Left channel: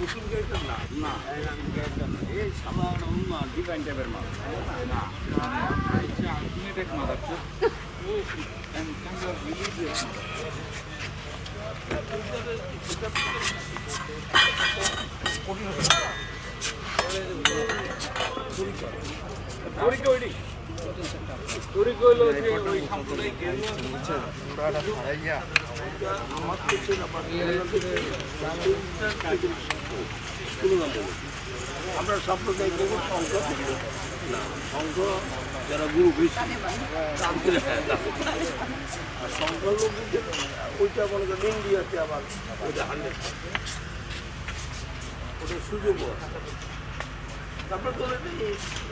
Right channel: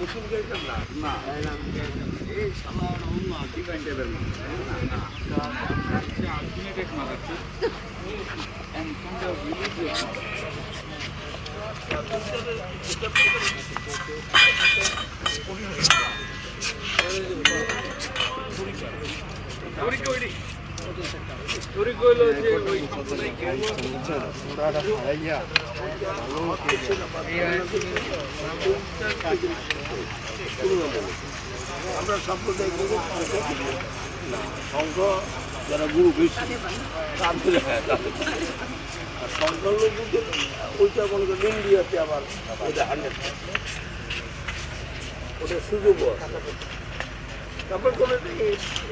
মুসলিম character না? না এই সালা অন্য ডিফারেন্ট টাইপের মানুষ না না। ultimate এক মাদারচোদ and kind of religious mother. চুরি আমার সাম্প্রদায়িক সংখ্য না। সংখ্য যারা গুরু বেশি, তাদের হ্যাঁ আর সংখ্যালঘুদের ওইটা মনে করেন ইন্ডিয়াতে আবার ওটা হান্ড্রেড ওটার সুযোগও আছে। তারপরে তো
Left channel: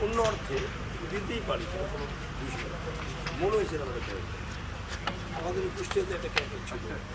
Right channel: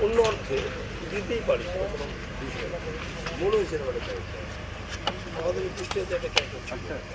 অন্য অর্থে দিতেই পারি কোনো বিষয়। মনে হয়েছে একটা ক্যারেক্টার আমাদের কুষ্টিয়াতে একটা ক্যারেক্টার ছিল কিন্তু।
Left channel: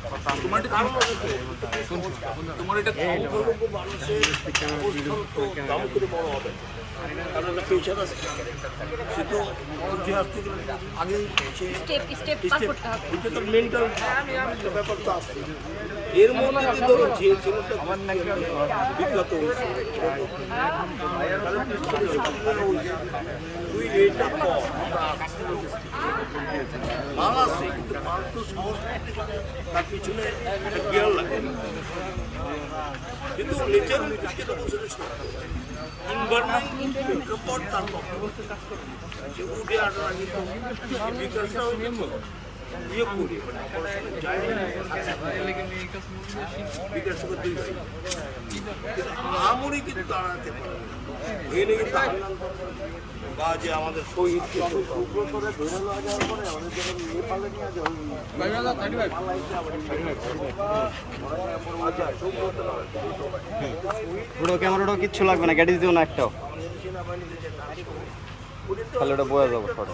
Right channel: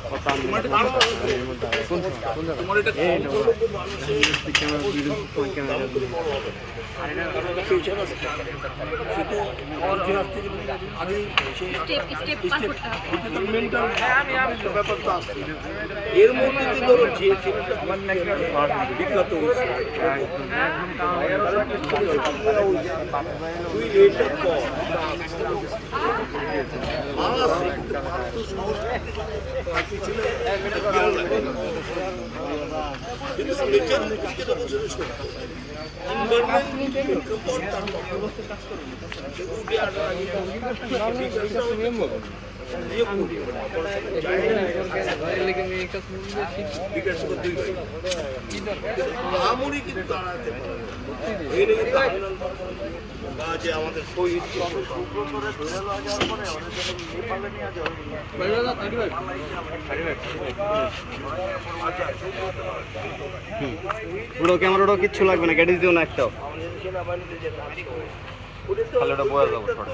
তোমার এটা তোমার এটা কম সংখ্যালঘু মানুষের দাম করে বড় হবে। কারণ একটা পেশার আছে। সে তো ইতিহাস থেকে আগেই সে স্টেপ স্টেপ পার স্টেপ করতে হবে। ওইটা তো মেন্টাল ব্যাপার তো আছে এর মধ্যে ধরো যে ছেলেটা আমার বিখ্যাত হয়েছে তুই কর মাল আছে, কিন্তু পাল তো সহজ তার পিছনে একটা গিয়ার লাগে। কিন্তু নেচার যেটা বলছে সত্য এনভায়রনমেন্ট প্রেক্ষাপট তার সে উঠে আসার আগে বিকাশটা ইয়ে করি মানে অপারেশনে যায় বিকাশ দুই ভাই। কিন্তু আমরি কিন্তু দাঁড়াতে পারে না। কিন্তু হান্নান বা যে আমাদের শহীদ ওটা ক্যামেরা ওটা কিচ্ছু লাগবে না গ্যাডিস দিও না একটা তাহলে ওটা বোঝা যাবে ফটো